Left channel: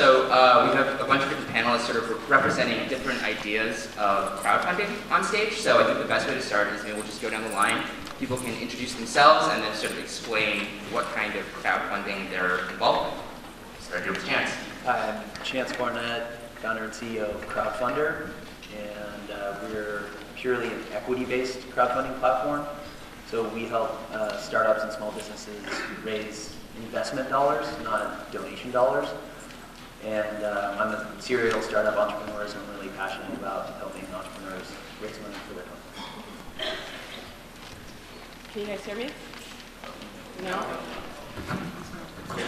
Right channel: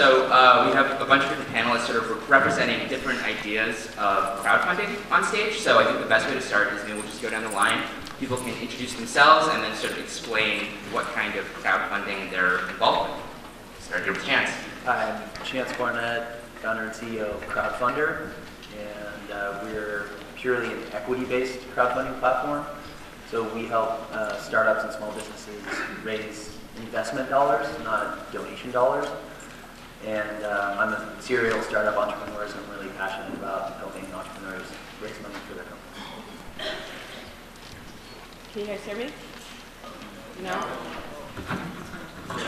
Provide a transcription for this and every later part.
So we have a bunch of different panelists sort of representing different ideas of crowdfunding on stage. So I think the best way to start is maybe we'll just go down the line. People can introduce themselves and then sort of explain what kind of crowdfunding they're involved in. Start here with Chance. Hi, I'm Chance Barnett, founder and CEO of Crowdfunder, and we're purely an equity-based crowdfunding platform. So we help startups and small businesses raise investment dollars, not donation dollars. And I'm a serial startup entrepreneur, so I'm really passionate about helping entrepreneurs raise money for their companies. Can you guys hear me? No? Can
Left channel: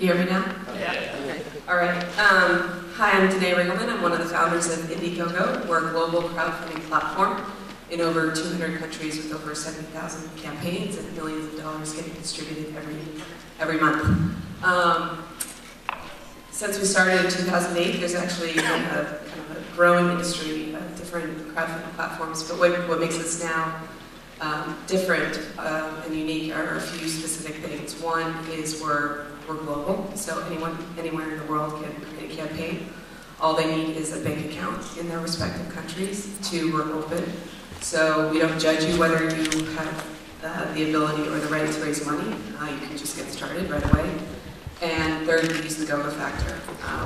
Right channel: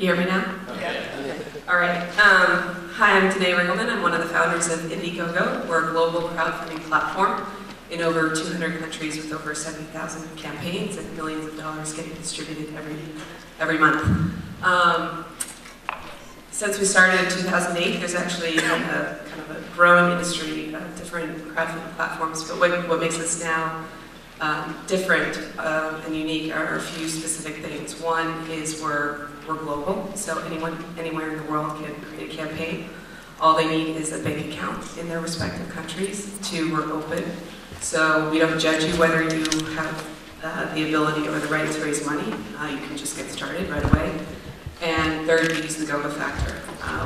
you hear me now? Yeah. Okay. All right. Hi, I'm Danae Riggleman. I'm one of the founders of Indiegogo. We're a global crowdfunding platform in over 200 countries with over 70,000 campaigns and millions of dollars getting distributed every month. Since we started in 2008, there's actually been a kind of a growing industry of different crowdfunding platforms. But what makes us now different and unique are a few specific things. One is we're global, so anyone anywhere in the world can create a campaign. All they need is a bank account in their respective countries. Two, we're open, so we don't judge you whether you have the ability or the right to raise money. You can just get started right away. And third, we use the GOGO factor,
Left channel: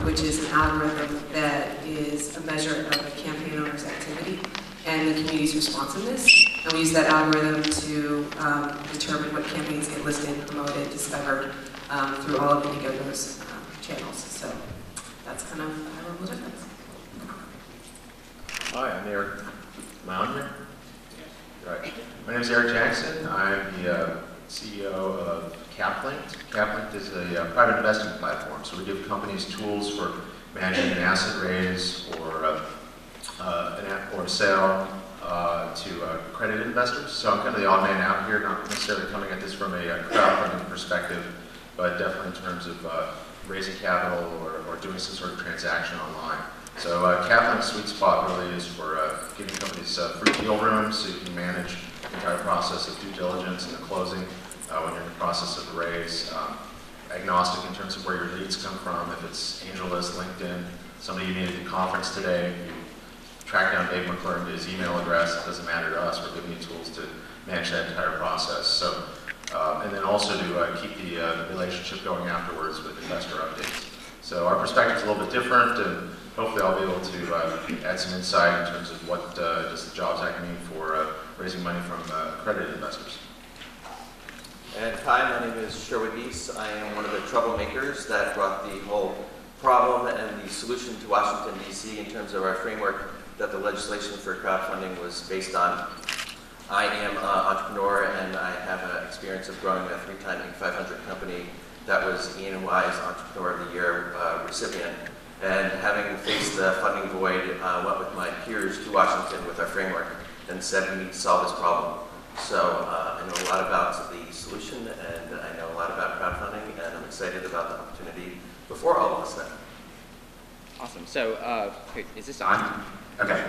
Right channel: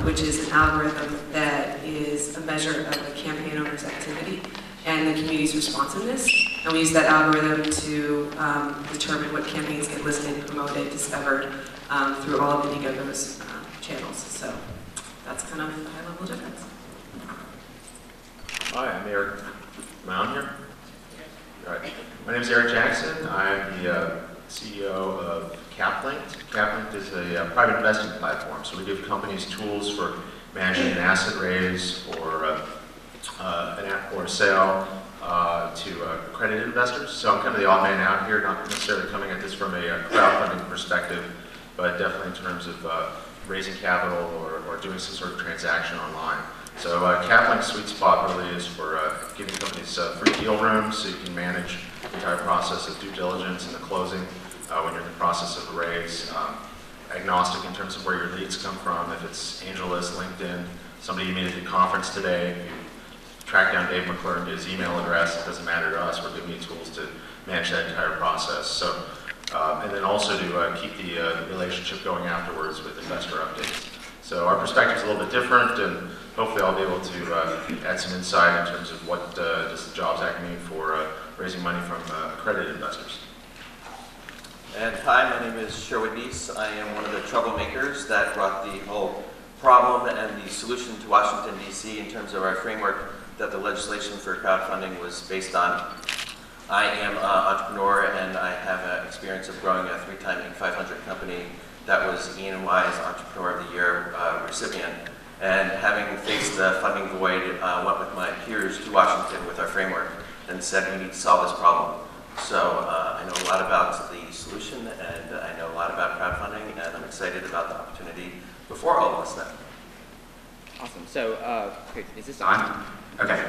which is an algorithm that is a measure of a campaign owner's activity and the community's responsiveness. And we use that algorithm to determine what campaigns get listed, promoted, discovered through all of Indiegogo's channels. So that's kind of the high-level difference. Hi, I'm Eric. Am I on here? Right. My name is Eric Jackson. I'm the CEO of CapLinked. CapLinked is a private investing platform, so we give companies tools for managing an asset raise or a sale to accredited investors. So I'm kind of the odd man out here, not necessarily coming at this from a crowdfunding perspective, but definitely in terms of raising capital or doing some sort of transaction online. So CapLinked's sweet spot really is for giving companies free deal rooms so you can manage the entire process of due diligence and the closing when you're in the process of a raise. Agnostic in terms of where your leads come from. If it's AngelList, LinkedIn, somebody you meet at the conference today, if you track down Dave McClure to his email address, it doesn't matter to us. We're giving you tools to manage that entire process. So, and then also to keep the relationship going afterwards with investor updates. So our perspective is a little bit different, and hopefully I'll be able to add some insight in terms of what does the Jobs Act mean for raising money from accredited investors. And hi, my name is Sherwood Deese. I am one of the troublemakers that brought the whole problem and the solution to Washington, D.C. in terms of our framework that the legislation for crowdfunding was based on. I am an entrepreneur, and I have experience of growing a 3-time Inc. 500 company that was E&Y's Entrepreneur of the Year recipient. And having faced the funding void, went with my peers to Washington with our framework and said we need to solve this problem. So I know a lot about the solution, and I know a lot about crowdfunding, and I'm excited about the opportunity before all of us then. Awesome. So, is this on? Okay.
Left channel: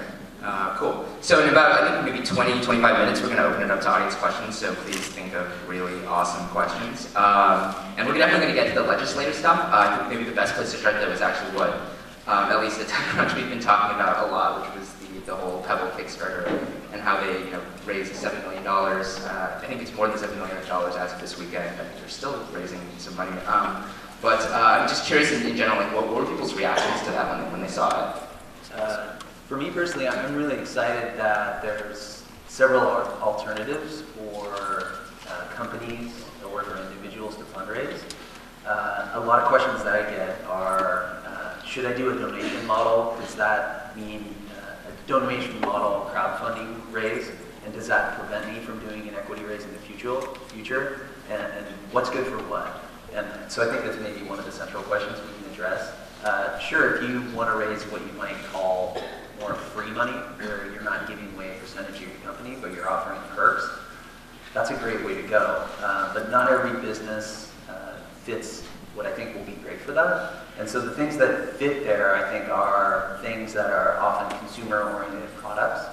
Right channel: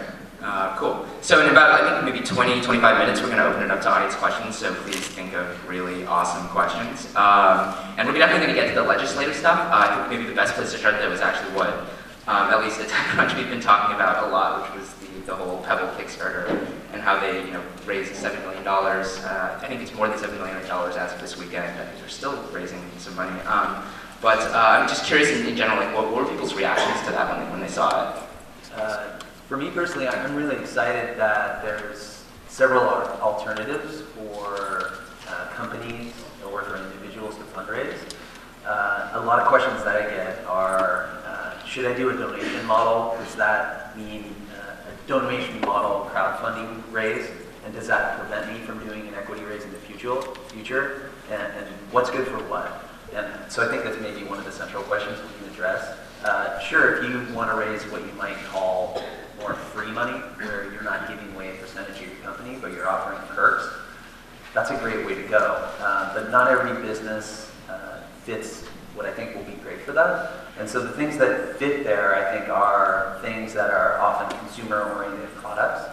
Cool. So in about, I think, maybe 20, 25 minutes, we're going to open it up to audience questions, so please think of really awesome questions. And we're definitely going to get to the legislative stuff. I think maybe the best place to start there was actually what, at least at TechCrunch, we've been talking about a lot, which was the whole Pebble Kickstarter and how they raised $7 million. I think it's more than $7 million as of this weekend. I think they're still raising some money. But I'm just curious in general, like, what were people's reactions to that when they saw it? For me personally, I'm really excited that there's several alternatives for companies or for individuals to fundraise. A lot of questions that I get are, should I do a donation model? Does that mean a donation model crowdfunding raise? And does that prevent me from doing an equity raise in the future? And what's good for what? And so I think that's maybe one of the central questions we can address. Sure, if you want to raise what you might call more free money, where you're not giving away a percentage of your company, but you're offering perks, that's a great way to go. But not every business fits what I think will be great for that. And so the things that fit there, I think, are things that are often consumer-oriented products,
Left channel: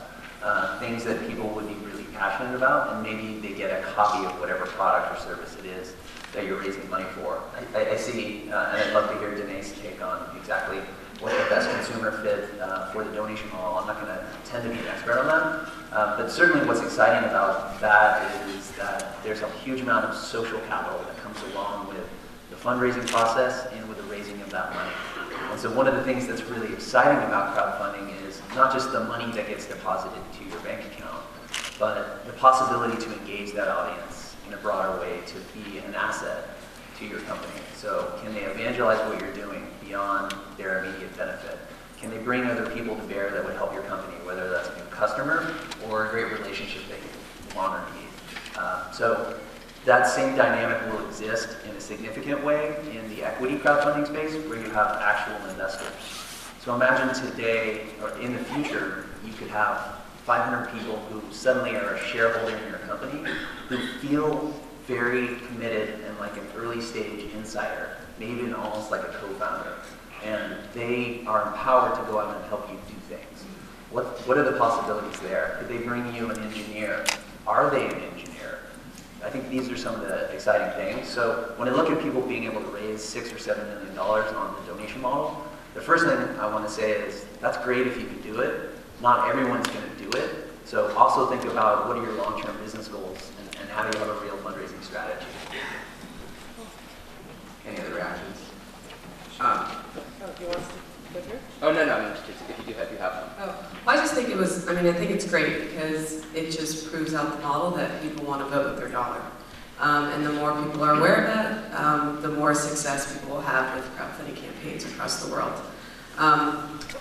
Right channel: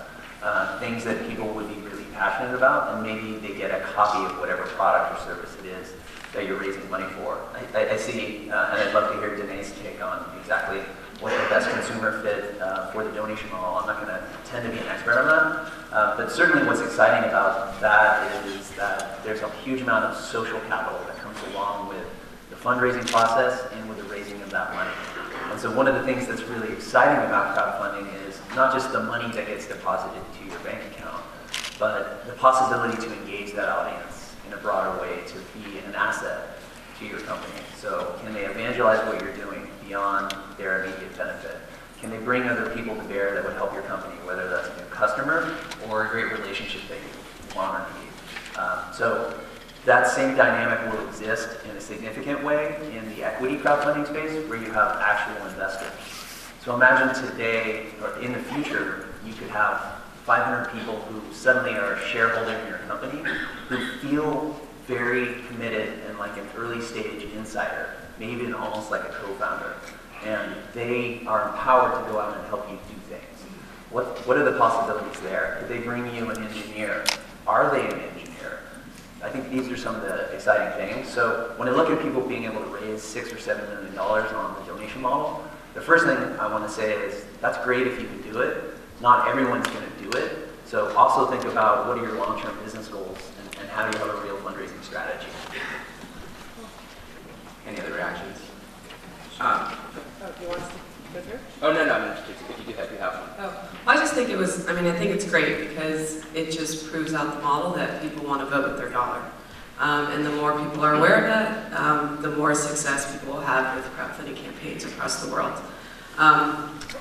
things that people would be really passionate about, and maybe they get a copy of whatever product or service it is. that you're raising money for. I see, and I'd love to hear Danae's take on exactly what's the best consumer fit for the donation model. I'm not going to pretend to be an expert on that, but certainly what's exciting about that is that there's a huge amount of social capital that comes along with the fundraising process and with the raising of that money. And so one of the things that's really exciting about crowdfunding is not just the money that gets deposited to your bank account, but the possibility to engage that audience in a broader way, to be an asset to your company. So can they evangelize what you're doing beyond their immediate benefit? Can they bring other people to bear that would help your company, whether that's a new customer or a great relationship that you want or need? So that same dynamic will exist in a significant way in the equity crowdfunding space where you have actual investors. So imagine today, or in the future, you could have 500 people who suddenly are a shareholder in your company who feel very committed and like an early stage insider, maybe even almost like a co-founder. And they are empowered to go out and help you do things. What are the possibilities there? Could they bring you an engineer? Are they an engineer? I think these are some of the exciting things. So when I look at people being able to raise $6 or $7 million on the donation model, the first thing I want to say is that's great if you can do it. Not everyone's going to do it. So also think about what are your long-term business goals and how do you have a real fundraising strategy. Any other reactions? Do you want us to go through? Oh, no, I'm just curious if you have one. Oh, I just think I think it's great because it just proves out the model that people want to vote with their dollar. And the more people are aware of that, the more success people will have with crowdfunding campaigns across the world.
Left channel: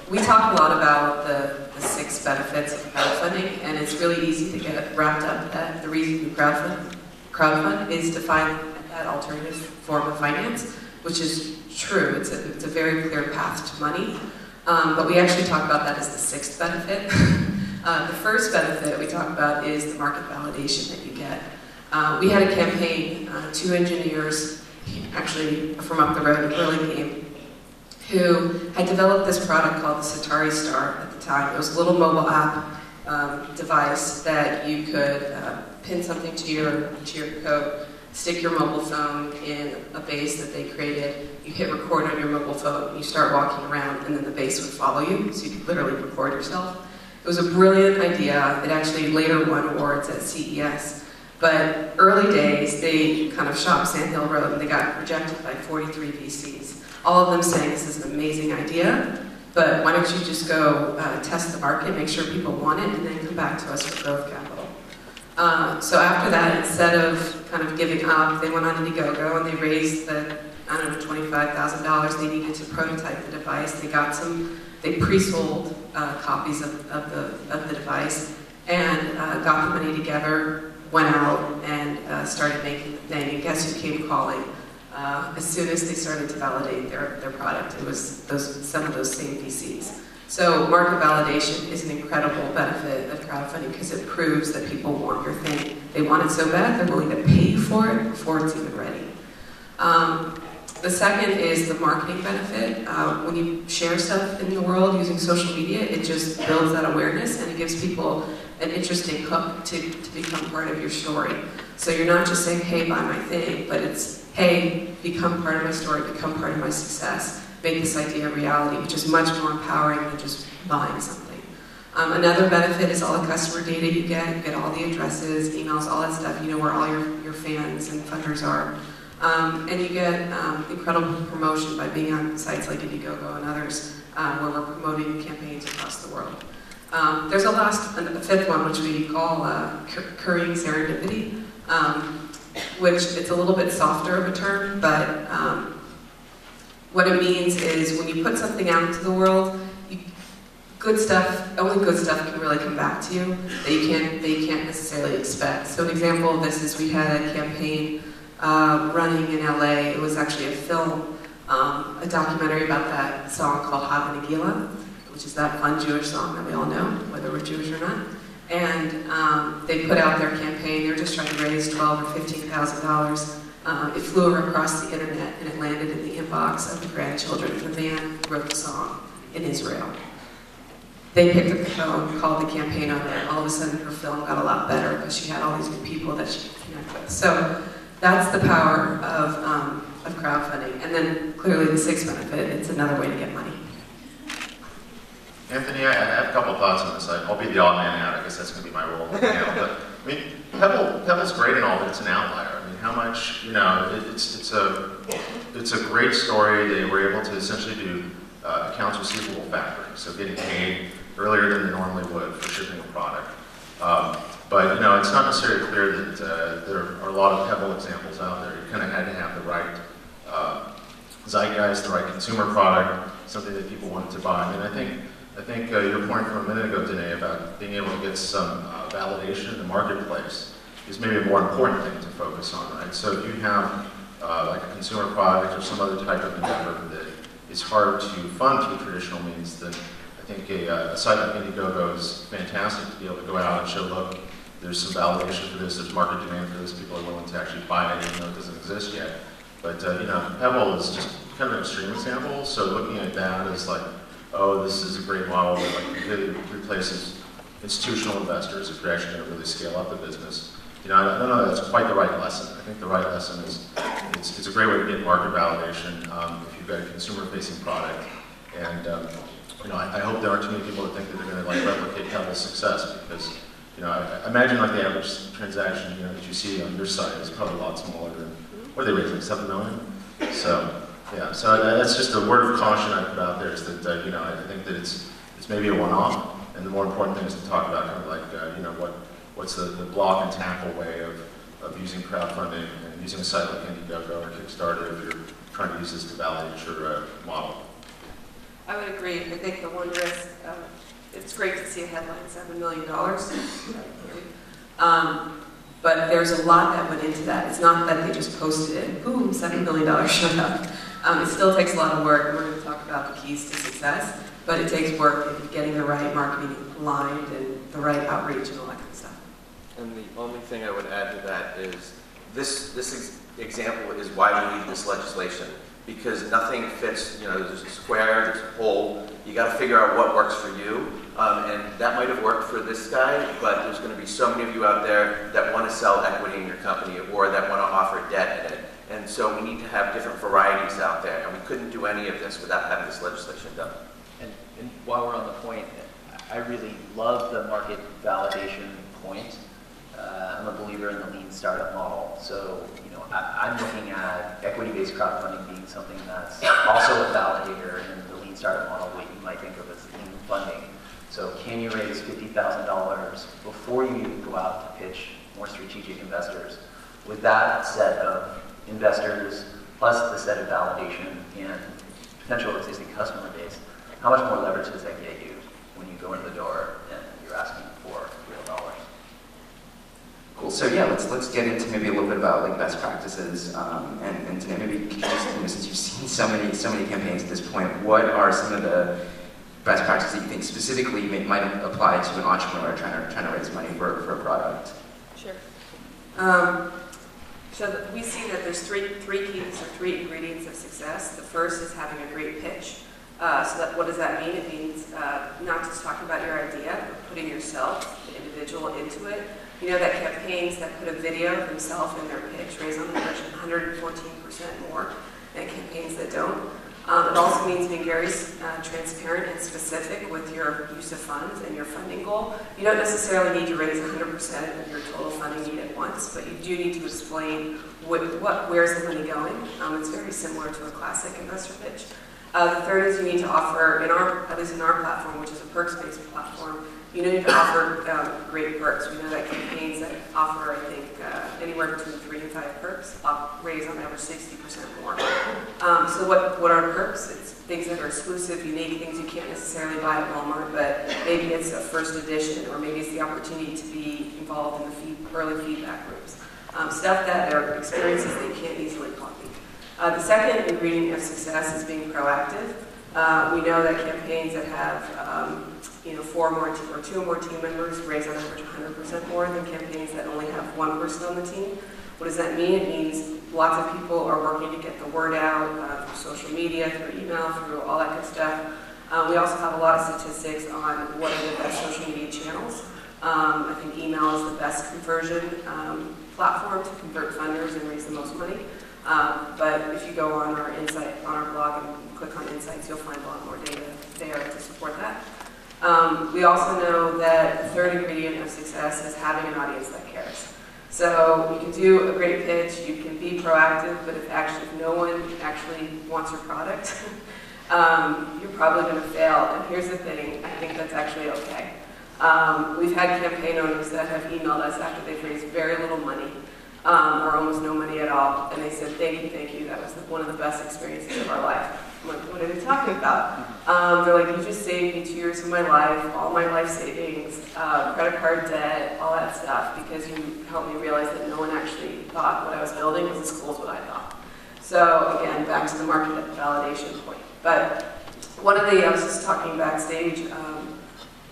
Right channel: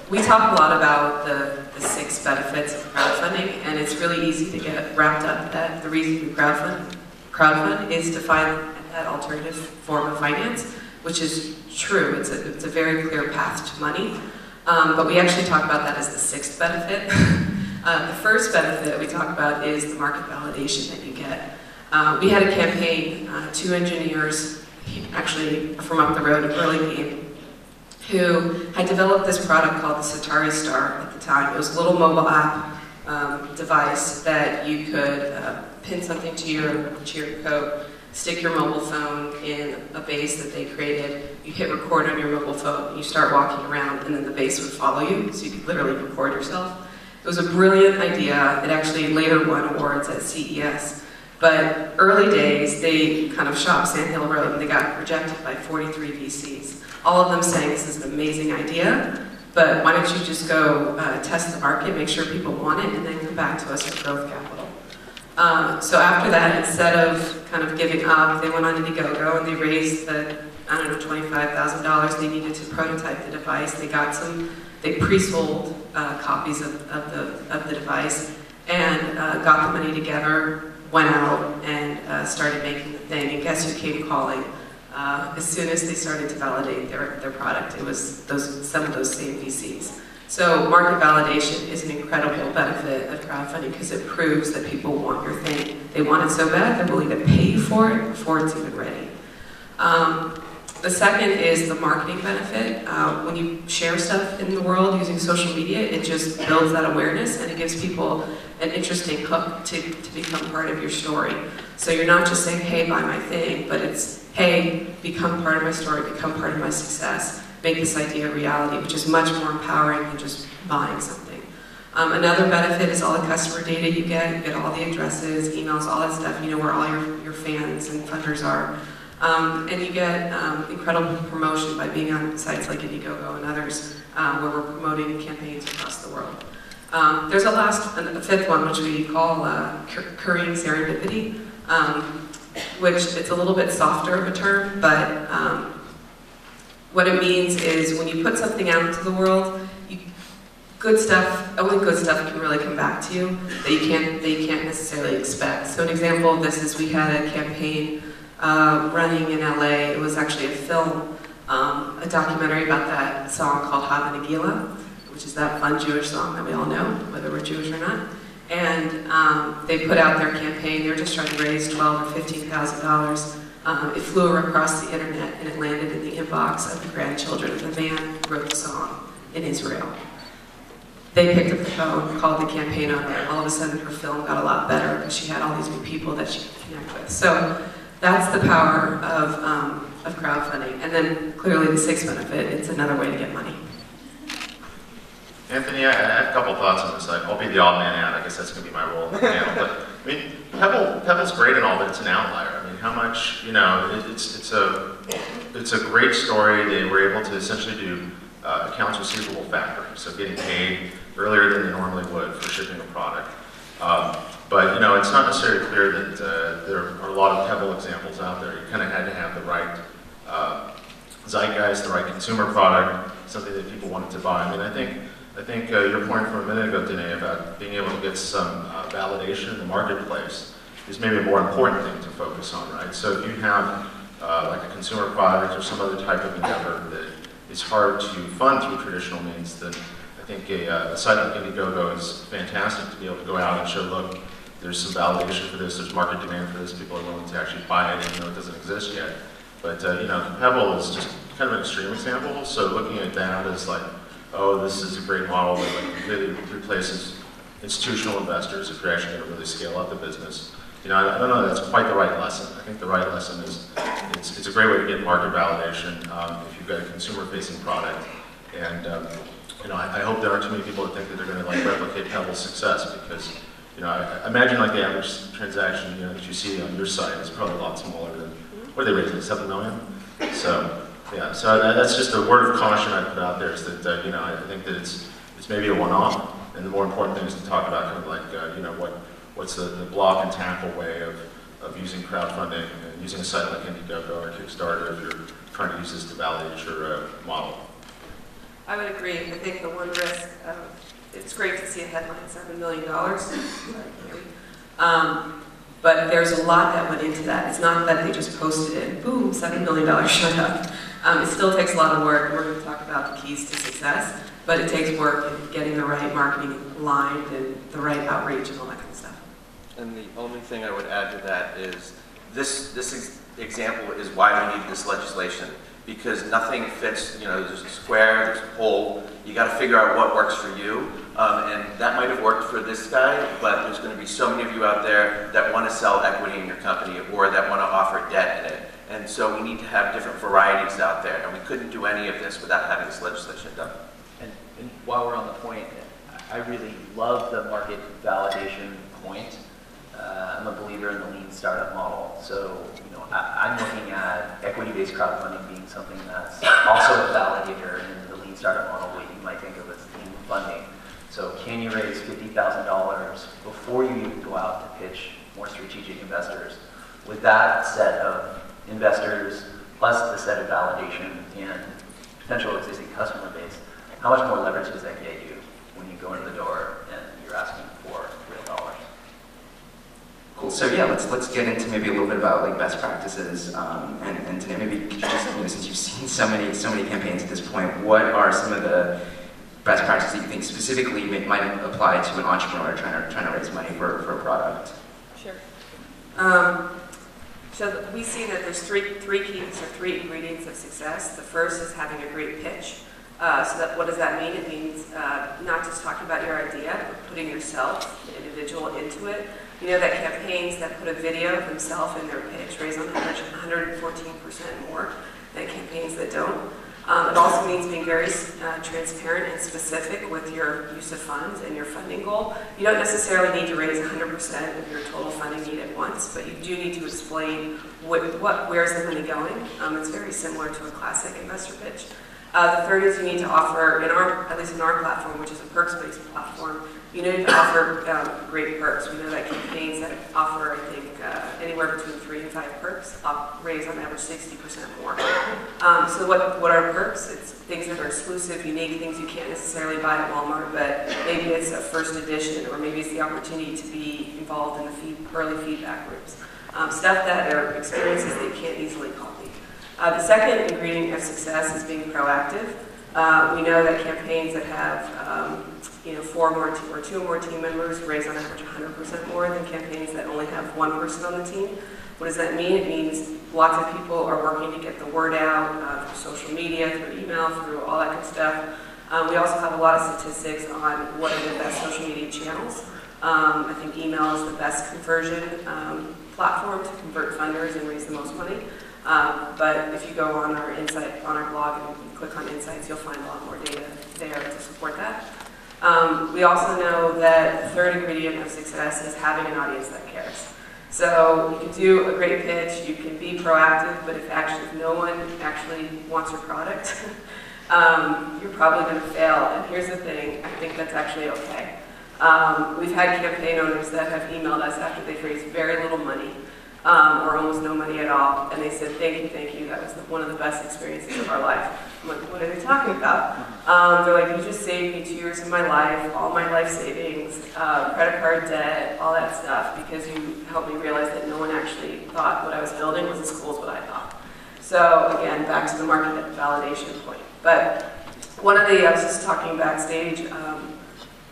We talk a lot about the 6 benefits of crowdfunding, and it's really easy to get wrapped up that the reason you crowdfund is to find that alternative form of finance, which is true. It's a very clear path to money. But we actually talk about that as the 6th benefit. The first benefit we talk about is the market validation that you get. We had a campaign, 2 engineers, actually from up the road, Burlingame, who had developed this product called the Satari Star at the time. It was a little mobile app device that you could pin something to your coat, stick your mobile phone in a base that they created, you hit record on your mobile phone, you start walking around, and then the base would follow you, so you could literally record yourself. It was a brilliant idea. It actually later won awards at CES. But early days, they kind of shot Sand Hill Road, and they got rejected by 43 VCs. All of them saying this is an amazing idea, but why don't you just go test the market, make sure people want it, and then come back to us for growth capital. So after that, instead of kind of giving up, they went on Indiegogo and they raised the, $25,000 they needed to prototype the device. They pre-sold copies of the device and got the money together, went out and started making the thing. And guess who came calling? As soon as they started to validate their product, it was some of those same VCs. So market validation is an incredible benefit of crowdfunding because it proves that people want your thing. They want it so bad, they're willing to pay for it before it's even ready. The second is the marketing benefit. When you share stuff in the world using social media, it just builds that awareness and it gives people an interesting hook to become part of your story. So you're not just saying, hey, buy my thing, but it's, hey, become part of my story, become part of my success, make this idea a reality, which is much more empowering than just buying something. Another benefit is all the customer data you get all the addresses, emails, all that stuff, you know where all your fans and funders are. And you get incredible promotion by being on sites like Indiegogo and others where we're promoting campaigns across the world. There's a fifth one, which we call Korean serendipity, which it's a little bit softer of a term, but what it means is when you put something out into the world, only good stuff can really come back to you that you can't necessarily expect. So an example of this is we had a campaign running in LA. It was actually a film, a documentary about that song called Hava Nagila, which is that fun Jewish song that we all know, whether we're Jewish or not. And they put out their campaign. They were just trying to raise $12,000 or $15,000. It flew across the internet and it landed in the inbox of the grandchildren of the man who wrote the song in Israel. They picked up the phone, called the campaign owner. All of a sudden her film got a lot better because she had all these new people that she could connect with. So That's the power of crowdfunding. And then clearly the sixth benefit, it's another way to get money. Anthony, I have a couple of thoughts on this. I'll be the odd man out. I guess that's going to be my role in the panel. But I mean, Pebble's great and all, but it's an outlier. I mean, how much, it's a great story. They were able to essentially do accounts receivable factoring, so getting paid earlier than they normally would for shipping a product. But it's not necessarily clear that there are a lot of Pebble examples out there. You kind of had to have the right zeitgeist, the right consumer product, something that people wanted to buy. I mean, I think your point from a minute ago, Danae, about being able to get some validation in the marketplace is maybe a more important thing to focus on, right? So if you have like a consumer product or some other type of endeavor that is hard to fund through traditional means, then I think a site like Indiegogo is fantastic to be able to go out and show, look, there's some validation for this, there's market demand for this, people are willing to actually buy it even though it doesn't exist yet. But Pebble is just kind of an extreme example, so looking at that as like, oh, this is a great model that like completely replaces institutional investors if you're actually going to really scale up the business. I don't know that that's quite the right lesson. I think the right lesson is it's a great way to get market validation if you've got a consumer-facing product. And I hope there aren't too many people that think that they're going to like replicate Pebble's success, because I imagine like the average transaction that you see on your site is probably a lot smaller than what are they raising, $7 million? So yeah, so that's just a word of caution I put out there is that I think that it's maybe a one-off, and the more important thing is to talk about kind of like what's the block and tackle way of using crowdfunding and using a site like Indiegogo or Kickstarter if you're trying to use this to validate your model. I would agree. I think the one risk, it's great to see a headline, $7 million. But there's a lot that went into that. It's not that they just posted it, boom, $7 million showed up. It still takes a lot of work, and we're going to talk about the keys to success, but it takes work in getting the right marketing aligned and the right outreach and all that kind of stuff. And the only thing I would add to that is this example is why we need this legislation, because nothing fits, there's a square, there's a hole, you got to figure out what works for you, and that might have worked for this guy, but there's going to be so many of you out there that want to sell equity in your company or that want to offer debt in it, and so we need to have different varieties out there, and we couldn't do any of this without having this legislation done. And while we're on the point, I really love the market validation point. I'm a believer in the lean startup model. So, I'm looking at equity-based crowdfunding being something that's also a validator in the lean startup model, what you might think of as lean funding. So can you raise $50,000 before you even go out to pitch more strategic investors? With that set of investors, plus the set of validation and potential existing customer base, how much more leverage does that get you when you go into the door and you're asking for real dollars? Cool. So yeah, let's get into maybe a little bit about like best practices, and today maybe could you just, since you've seen so many campaigns at this point, what are some of the best practices that you think specifically might apply to an entrepreneur trying to raise money for a product? Sure. So we see that there's three keys or three ingredients of success. The first is having a great pitch. What does that mean? It means not just talking about your idea, but putting yourself, the individual, into it. That campaigns that put a video of themselves in their pitch raise on average 114% more than campaigns that don't. It also means being very transparent and specific with your use of funds and your funding goal. You don't necessarily need to raise 100% of your total funding need at once, but you do need to explain where's the money going. It's very similar to a classic investor pitch. The third is you need to offer, at least in our platform, which is a perks-based platform, you need to offer great perks. We know that campaigns that offer, I think, anywhere between 3 and 5 perks raise on average 60% more. So what are perks? It's things that are exclusive, unique, things you can't necessarily buy at Walmart, but maybe it's a first edition, or maybe it's the opportunity to be involved in the early feedback groups. Stuff that are experiences that you can't easily copy. The second ingredient of success is being proactive. We know that campaigns that have 4 more or 2 more team members raise on average 100% more than campaigns that only have 1 person on the team. What does that mean? It means lots of people are working to get the word out through social media, through email, through all that good stuff. We also have a lot of statistics on what are the best social media channels. I think email is the best conversion platform to convert funders and raise the most money. But if you go on our blog and click on Insights, you'll find a lot more data there to support that. We also know that the third ingredient of success is having an audience that cares. So you can do a great pitch, you can be proactive, but if no one actually wants your product, you're probably going to fail. And here's the thing, I think that's actually okay. We've had campaign owners that have emailed us after they've raised very little money, or almost no money at all, and they said, thank you, that was one of the best experiences of our life. I'm like, what are they talking about? They're like, you just saved me 2 years of my life, all my life savings, credit card debt, all that stuff, because you helped me realize that no one actually thought what I was building was as cool as what I thought. So again, back to the market validation point. But one of the, I was just talking backstage,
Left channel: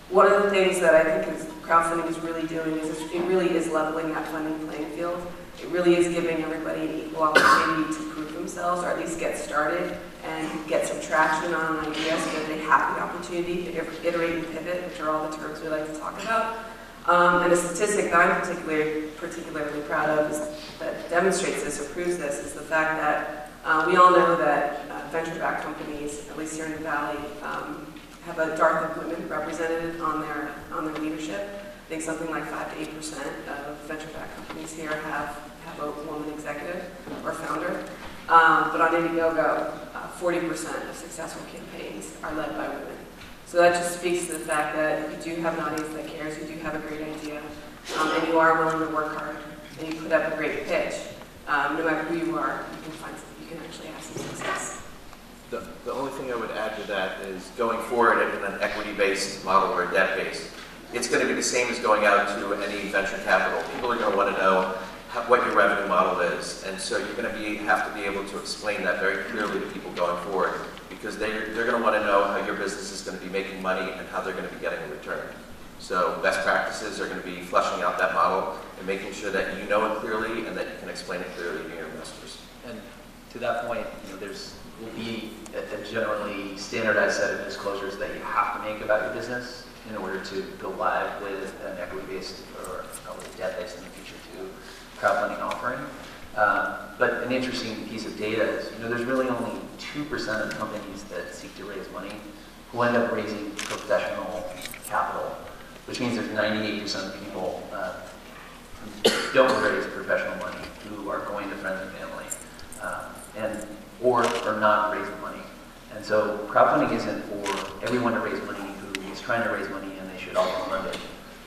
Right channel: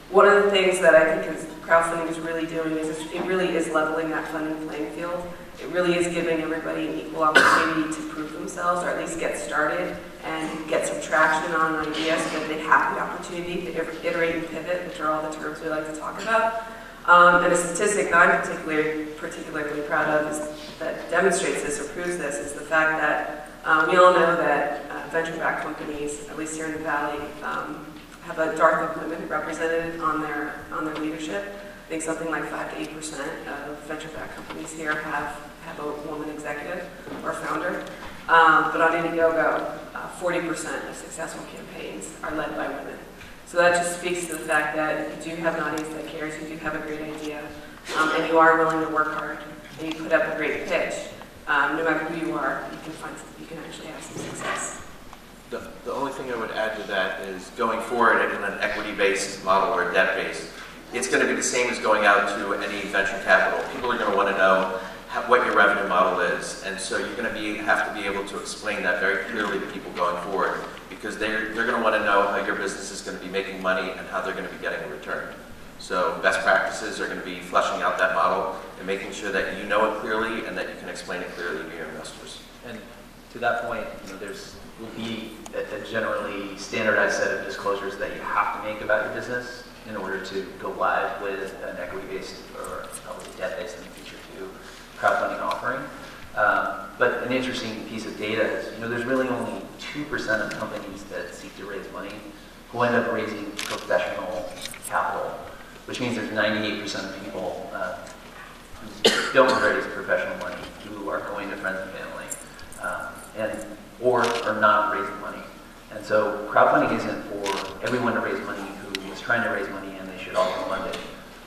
one of the things that I think crowdfunding is really doing is it really is leveling that funding playing field. It really is giving everybody an equal opportunity to prove themselves, or at least get started and get some traction on ideas so that they have the opportunity to iterate and pivot, which are all the terms we like to talk about. And a statistic that I'm particularly proud of that demonstrates this or proves this is the fact that we all know that venture-backed companies, at least here in the Valley, have a dark women represented on their leadership. I think something like 5 to 8% of venture-backed companies here have a woman executive or founder. But on Indiegogo, 40% of successful campaigns are led by women. So that just speaks to the fact that you do have an audience that cares, you do have a great idea, and you are willing to work hard, and you put up a great pitch. No matter who you are, you can actually have some success. The only thing I would add to that is going forward in an equity-based model or a debt-based, it's going to be the same as going out to any venture capital. People are going to want to know what your revenue model is, and so you're going to have to be able to explain that very clearly to people going forward, because they're going to want to know how your business is going to be making money and how they're going to be getting a return. So best practices are going to be fleshing out that model and making sure that you know it clearly and that you can explain it clearly to your investors. And to that point, will be a generally standardized set of disclosures that you have to make about your business in order to go live with an equity-based or a debt-based in the future too crowdfunding offering. But an interesting piece of data is, there's really only 2% of companies that seek to raise money who end up raising professional capital, which means there's 98% of people who don't raise professional money, who are going to friends and family, or are not raising money. And so crowdfunding isn't for everyone to raise money who is trying to raise money and they should all be funded,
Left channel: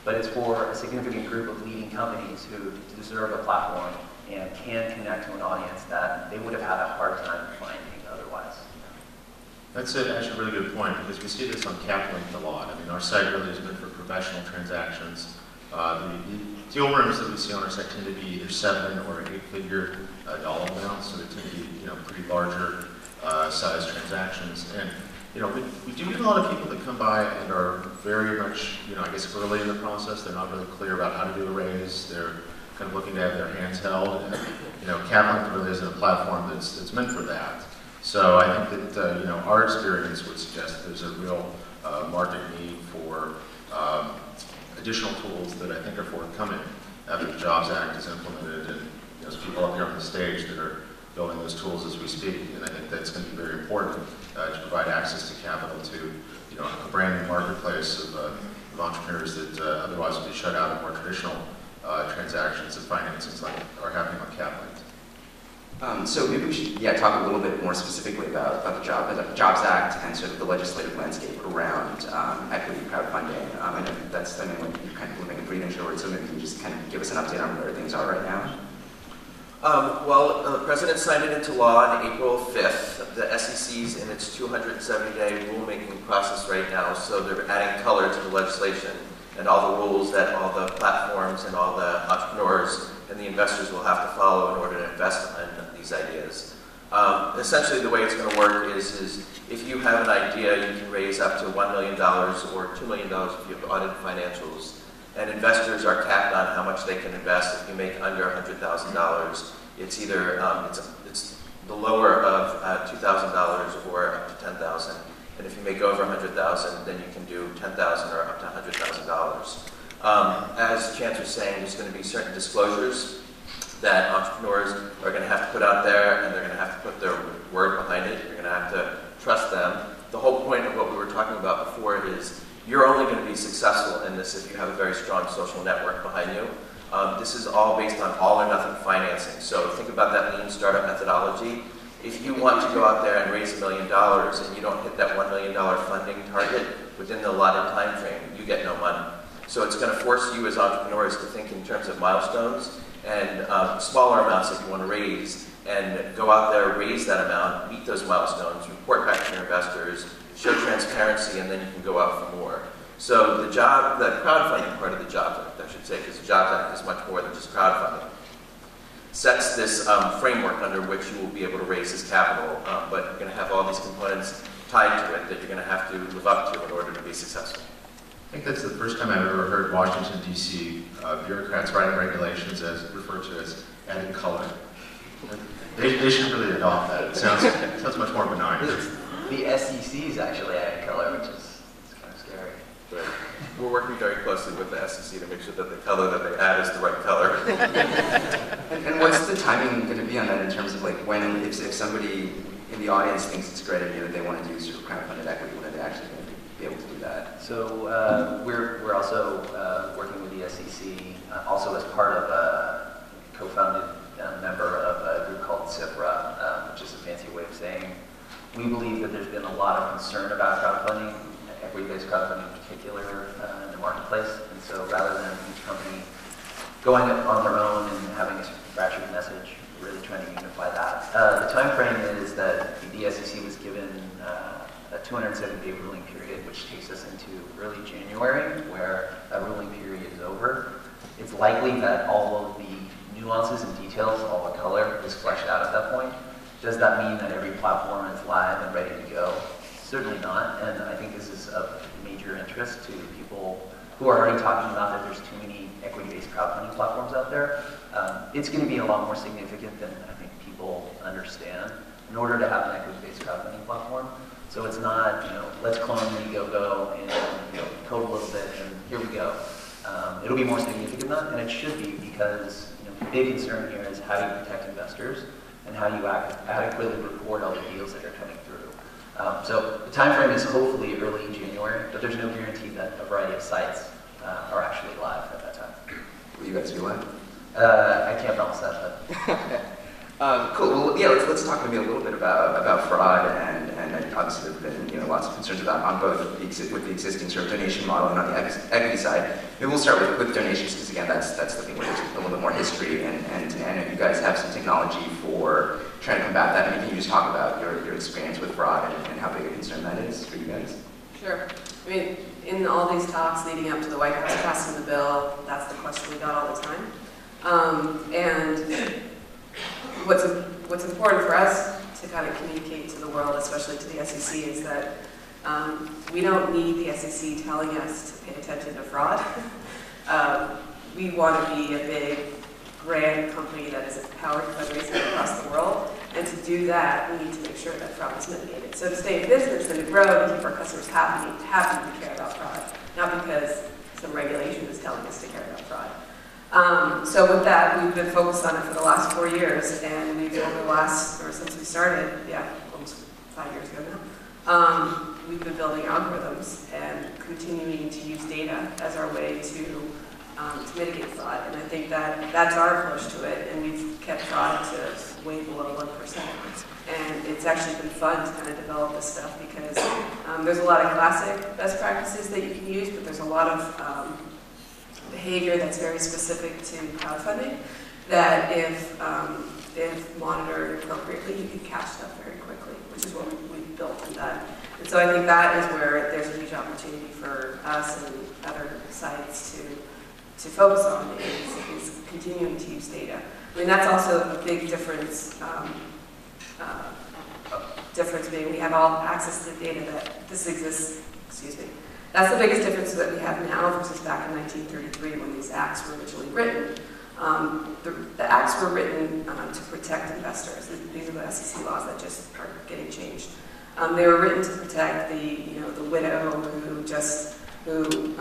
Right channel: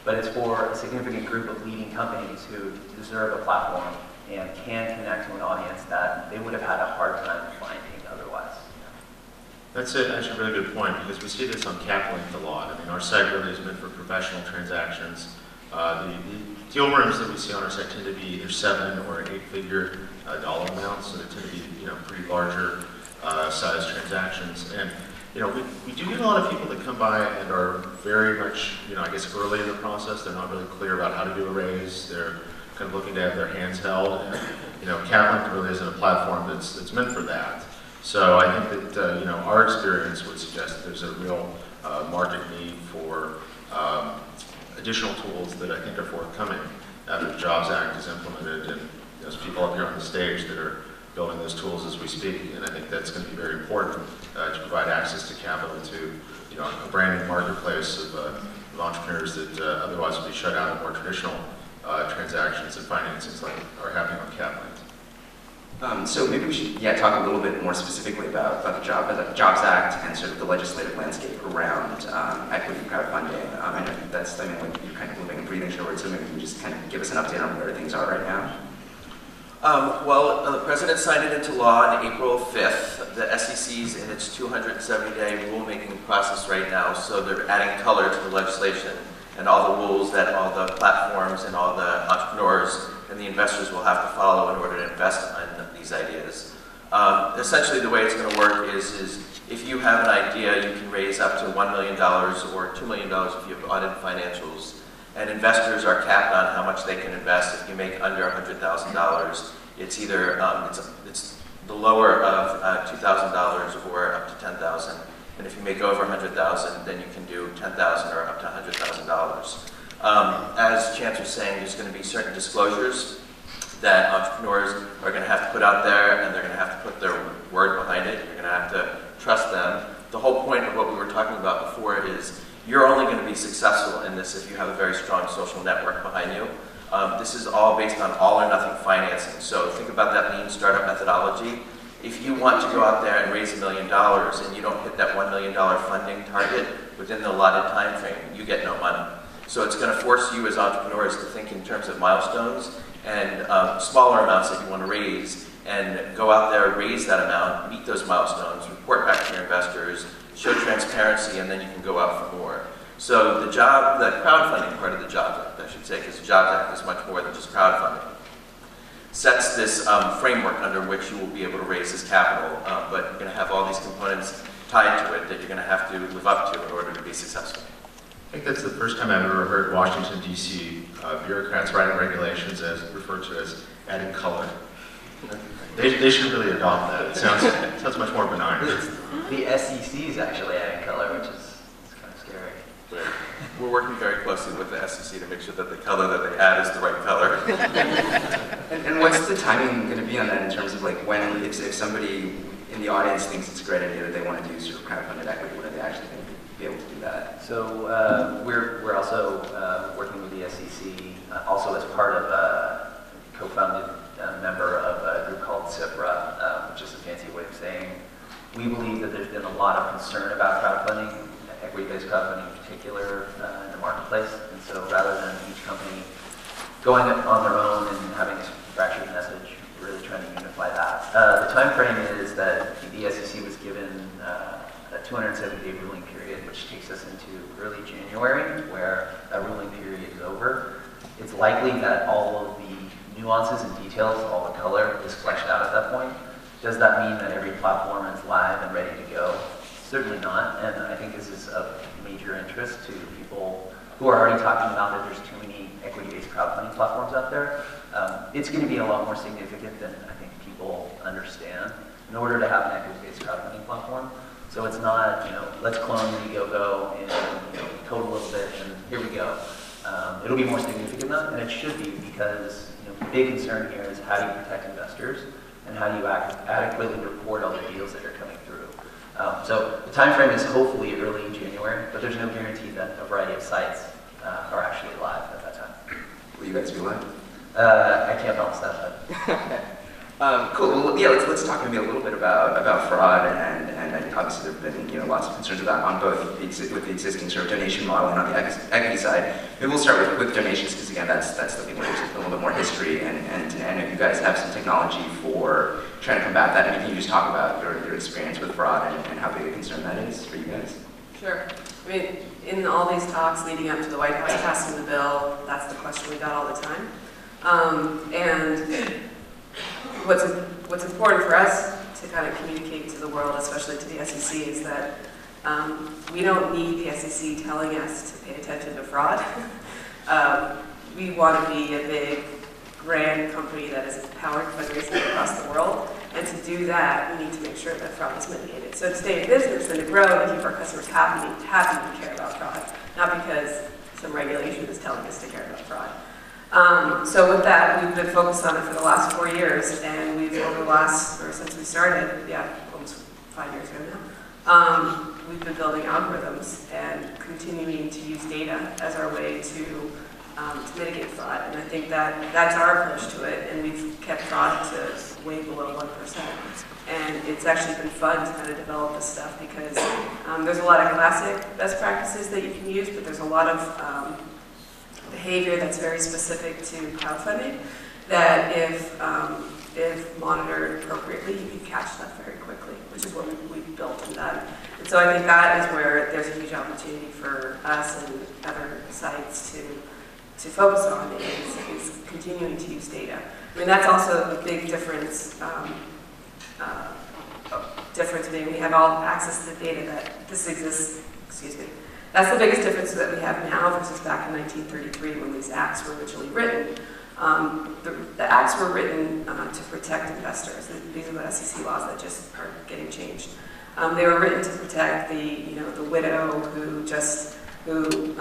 but it's for a significant group of leading companies who deserve a platform and can connect to an audience that they would have had a hard time finding otherwise. That's actually a really good point, because we see this on CapLink a lot. I mean, our site really is meant for professional transactions. The deal rooms that we see on our site tend to be either 7 or 8-figure dollar amounts, so they tend to be pretty larger size transactions. And we do get a lot of people that come by and are very much I guess early in the process. They're not really clear about how to do a raise. They're kind of looking to have their hands held. And CapLink really isn't a platform that's meant for that. So I think that our experience would suggest that there's a real market need for additional tools that I think are forthcoming after the Jobs Act is implemented, and there's people up here on the stage that are building those tools as we speak, and I think that's going to be very important to provide access to capital to a brand new marketplace of entrepreneurs that otherwise would be shut out of more traditional transactions and financings like are happening on CapLink. So maybe we should talk a little bit more specifically about the Jobs Act and sort of the legislative landscape around equity crowdfunding. I know that's something like you're kind of living and breathing Sherwood, so maybe you can just kind of give us an update on where things are right now. The President signed it into law on April 5th. The SEC's in its 270-day rulemaking process right now, so they're adding color to the legislation and all the rules that all the platforms and all the entrepreneurs and the investors will have to follow in order to invest in these ideas. Essentially, the way it's going to work is if you have an idea, you can raise up to $1 million or $2 million if you have audited financials. And investors are capped on how much they can invest. If you make under $100,000, it's either it's the lower of $2,000 or up to $10,000. And if you make over $100,000, then you can do $10,000 or up to $100,000. As Chance was saying, there's going to be certain disclosures that entrepreneurs are going to have to put out there, and they're going to have to put their word behind it. You're going to have to trust them. The whole point of what we were talking about before is you're only going to be successful in this if you have a very strong social network behind you. This is all based on all or nothing financing. So think about that lean startup methodology. If you want to go out there and raise $1 million and you don't hit that $1 million funding target within the allotted time frame, you get no money. So it's going to force you as entrepreneurs to think in terms of milestones and smaller amounts that you want to raise, and go out there, raise that amount, meet those milestones, report back to your investors, show transparency, and then you can go out for more. So the job, the crowdfunding part of the Jobs Act, I should say, because the Jobs Act is much more than just crowdfunding, sets this framework under which you will be able to raise this capital, but you're going to have all these components tied to it that you're going to have to live up to in order to be successful. I think that's the first time I've ever heard Washington, D.C. Bureaucrats writing regulations as referred to as adding color. They should really adopt that. It sounds much more benign. The SEC is actually adding color, which is kind of scary. But we're working very closely with the SEC to make sure that the color that they add is the right color. And what's the timing going to be on that in terms of like when, if somebody in the audience thinks it's a great idea that they want to use sort of crowdfunded equity, when are they actually going to be able to do that? So we're also working with the SEC, also as part of a co-founded member of a group called CIFRA, which is a fancy way of saying we believe that there's been a lot of concern about crowdfunding, equity-based crowdfunding in particular, in the marketplace. And so rather than each company going on their own and having a fractured message, we're really trying to unify that. The time frame is that the SEC was given a 270-day ruling period, which takes us into early January, where that ruling period is over. It's likely that all of the nuances and details, all the color, is fleshed out at that point. Does that mean that every platform is live and ready to go? Certainly not, and I think this is of major interest to people who are already talking about that there's too many equity-based crowdfunding platforms out there. It's going to be a lot more significant than I think people understand in order to have an equity-based crowdfunding platform. So it's not, let's clone Indiegogo and code a little bit and here we go. It'll be more significant than that, and it should be because the big concern here is how do you protect investors and how do you adequately report all the deals that are coming through. So the time frame is hopefully early January, but there's no guarantee that a variety of sites are actually live at that time. Will you guys be live? I can't promise that, but cool. Well, yeah. Let's talk maybe a little bit about fraud, and obviously there've been lots of concerns about on both with the existing sort of donation model and on the equity side. Maybe we'll start with donations because again that's the thing where there's a little bit more history, and if you guys have some technology for trying to combat that, and can you just talk about your experience with fraud and how big a concern that is for you guys? Sure. I mean, in all these talks leading up to the White House passing the bill, that's the question we got all the time. And what's important for us to kind of communicate to the world, especially to the SEC, is that we don't need the SEC telling us to pay attention to fraud. We want to be a big, grand company that is empowered fundraising across the world. And to do that, we need to make sure that fraud is mitigated. So to stay in business and to grow and keep our customers happy we care about fraud, not because some regulation is telling us to care about fraud. So with that, we've been focused on it for the last 4 years, and we've over the last, or since we started, almost 5 years ago now, we've been building algorithms and continuing to use data as our way to mitigate fraud. And I think that's our approach to it, and we've kept fraud to way below 1%. And it's actually been fun to kind of develop this stuff because there's a lot of classic best practices that you can use, but there's a lot of behavior that's very specific to crowdfunding that if monitored appropriately, you can catch that very quickly, which is what we've built and done. And so I think that is where there's a huge opportunity for us and other sites to focus on is continuing to use data. I mean, that's also a big difference being we have all access to the data that this exists, That's the biggest difference that we have now versus back in 1933 when these acts were originally written. The acts were written to protect investors. These are the SEC laws that just are getting changed. They were written to protect the widow who just who,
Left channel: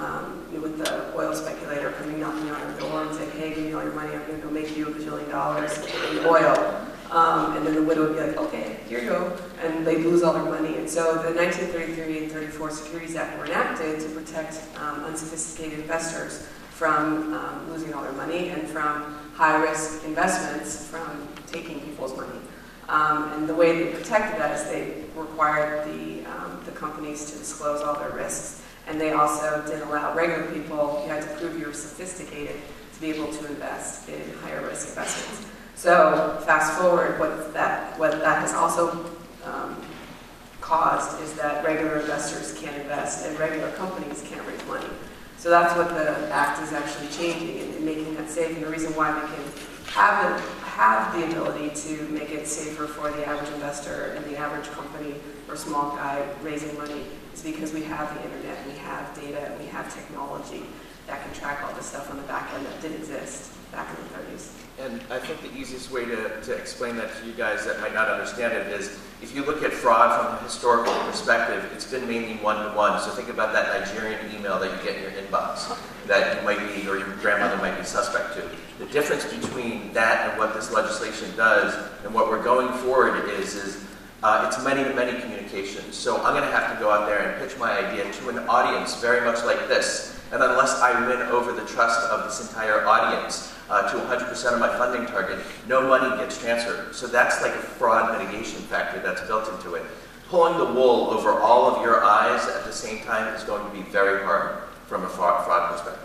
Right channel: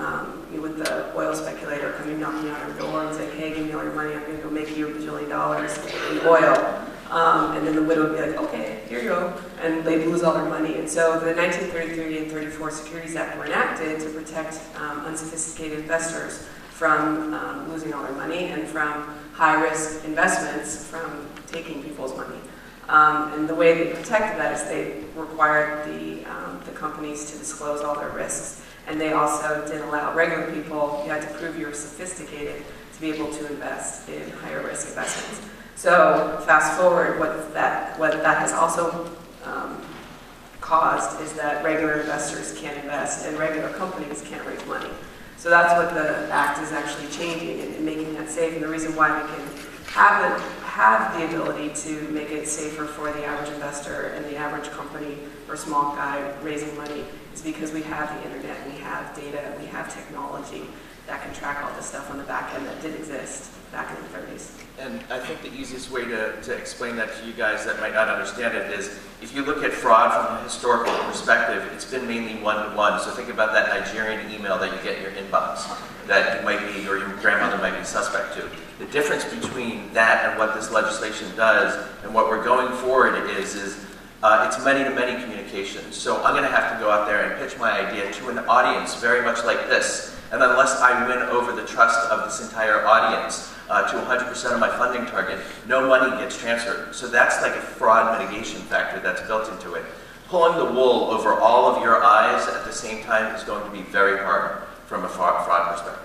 with the oil speculator coming knocking on her door and saying, hey, give me all your money, I'm going to go make you $1 billion in oil. And then the widow would be like, okay, here you go. And they'd lose all their money. And so the 1933 and 34 Securities Act were enacted to protect unsophisticated investors from losing all their money and from high-risk investments from taking people's money. And the way they protected that is they required the companies to disclose all their risks. And they also did allow regular people, you had to prove you were sophisticated to be able to invest in higher risk investments. So fast forward, what that has also caused is that regular investors can't invest and regular companies can't raise money. So that's what the act is actually changing and making that safe. And the reason why we can have the ability to make it safer for the average investor and the average company or small guy raising money is because we have the internet, and we have data, and we have technology that can track all this stuff on the back end that did exist back in the 30s. And I think the easiest way to explain that to you guys that might not understand it is, if you look at fraud from a historical perspective, it's been mainly one-to-one. So think about that Nigerian email that you get in your inbox that you might be, or your grandmother might be suspect to. The difference between that and what this legislation does and what we're going forward is it's many-to-many communications. So I'm going to have to go out there and pitch my idea to an audience very much like this. And unless I win over the trust of this entire audience to 100% of my funding target, no money gets transferred. So that's like a fraud mitigation factor that's built into it. Pulling the wool over all of your eyes at the same time is going to be very hard from a fraud perspective.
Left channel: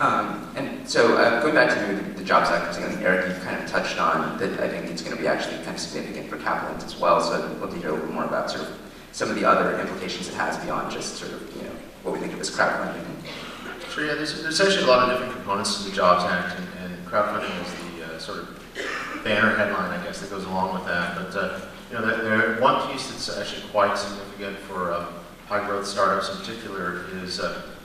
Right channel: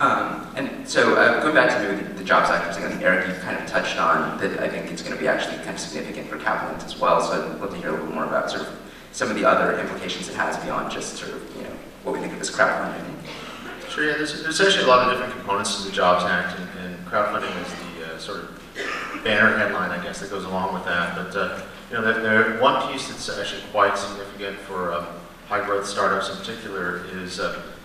And so going back to the Jobs Act, I think Eric, you kind of touched on that. I think it's going to be actually kind of significant for capital as well. So I'd love to hear a little more about sort of some of the other implications it has beyond just sort of what we think of as crowdfunding. Sure, yeah, there's actually a lot of different components to the Jobs Act, and crowdfunding is the sort of banner headline, I guess, that goes along with that. But one piece that's actually quite significant for high-growth startups in particular is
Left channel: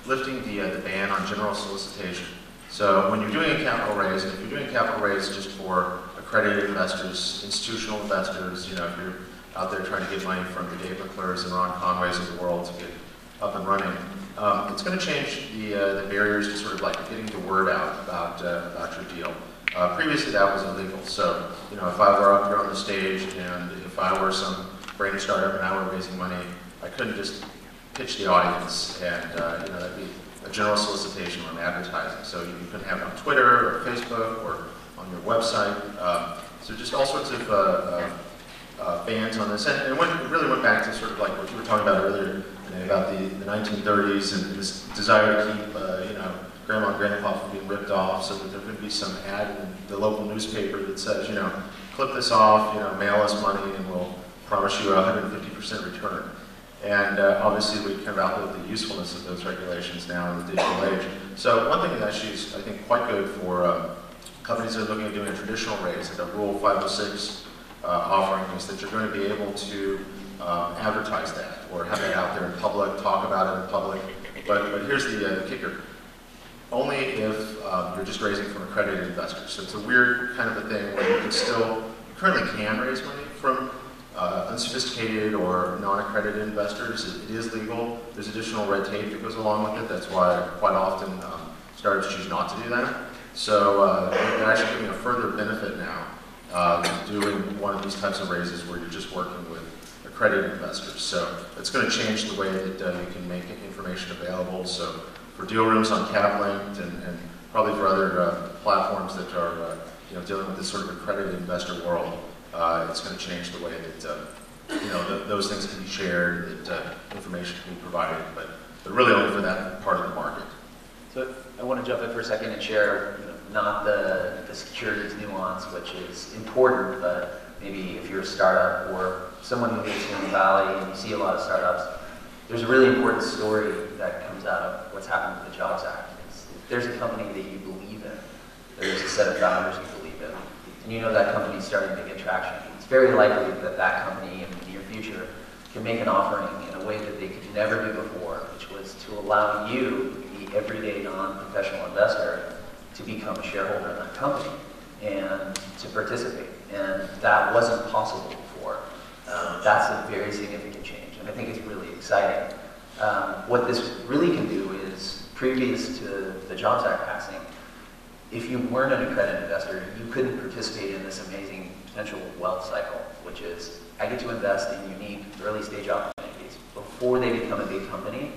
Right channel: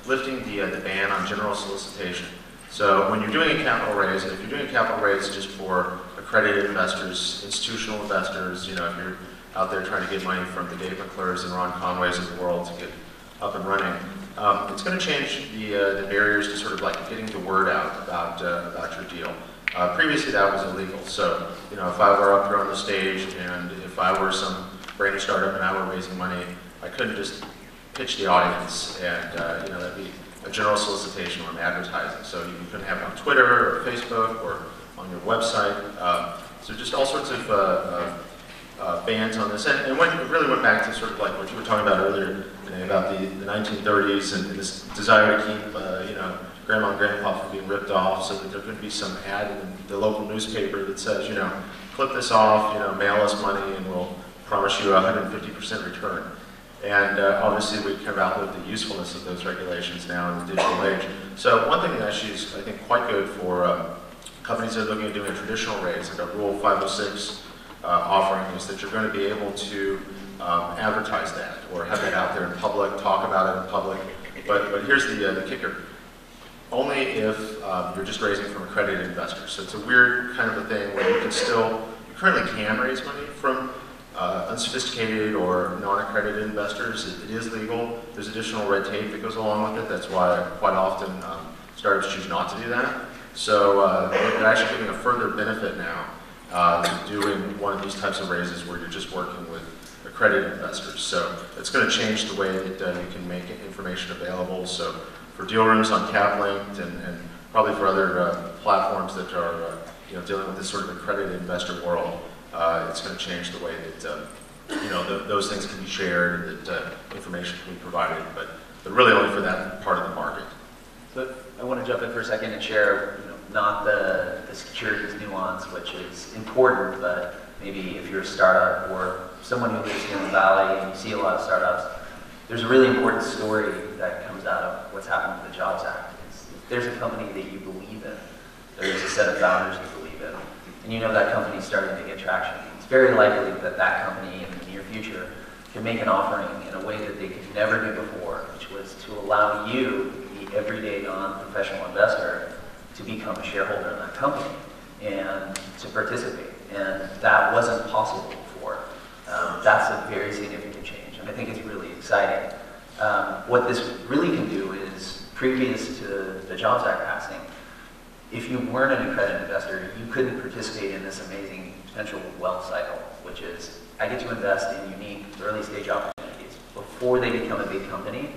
lifting the ban on general solicitation. So when you're doing a capital raise, and if you're doing a capital raise just for accredited investors, institutional investors, if you're out there trying to get money from the Dave McClures and Ron Conways of the world to get up and running, it's going to change the barriers to sort of like getting the word out about your deal. Previously, that was illegal. So, if I were up here on the stage and if I were some brand startup and I were raising money, I couldn't just pitch the audience and that'd be a general solicitation on advertising. So you couldn't have it on Twitter or Facebook or on your website. So just all sorts of bans on this, and it really went back to sort of like what you were talking about earlier, about the 1930s and this desire to keep, grandma and grandpa from being ripped off, so that there could be some ad in the local newspaper that says, clip this off, mail us money, and we'll promise you a 150% return. And obviously, we kind of outlived the usefulness of those regulations now in the digital age. So one thing that actually is, I think, quite good for companies that are looking at doing a traditional raise, like a Rule 506 offering, is that you're going to be able to advertise that or have that out there in public, talk about it in public. But here's the kicker. Only if you're just raising from accredited investors. So it's a weird kind of a thing where you currently can raise money from unsophisticated or non-accredited investors. It is legal. There's additional red tape that goes along with it. That's why quite often startups choose not to do that. So they're actually giving a further benefit now to doing one of these types of raises where you're just working with accredited investors. So it's going to change the way that you can make information available. So for deal rooms on CapLinked and probably for other platforms that are dealing with this sort of accredited investor world, it's going to change the way that those things can be shared, that information can be provided, but really only for that part of the market. So I want to jump in for a second and share, not the securities nuance, which is important, but maybe if you're a startup or someone who lives in the Valley and you see a lot of startups, there's a really important story that comes out of what's happened with the Jobs Act. If there's a company that you believe in, there's a set of founders you believe in, and that company's starting to get traction, it's very likely that that company in the near future can make an offering in a way that they could never do before, which was to allow you, the everyday non-professional investor, to become a shareholder in that company and to participate. And that wasn't possible before. That's a very significant change, and I think it's really exciting. What this really can do is, previous to the Jobs Act passing, if you weren't an accredited investor, you couldn't participate in this amazing potential wealth cycle, which is I get to invest in unique early stage opportunities before they become a big company.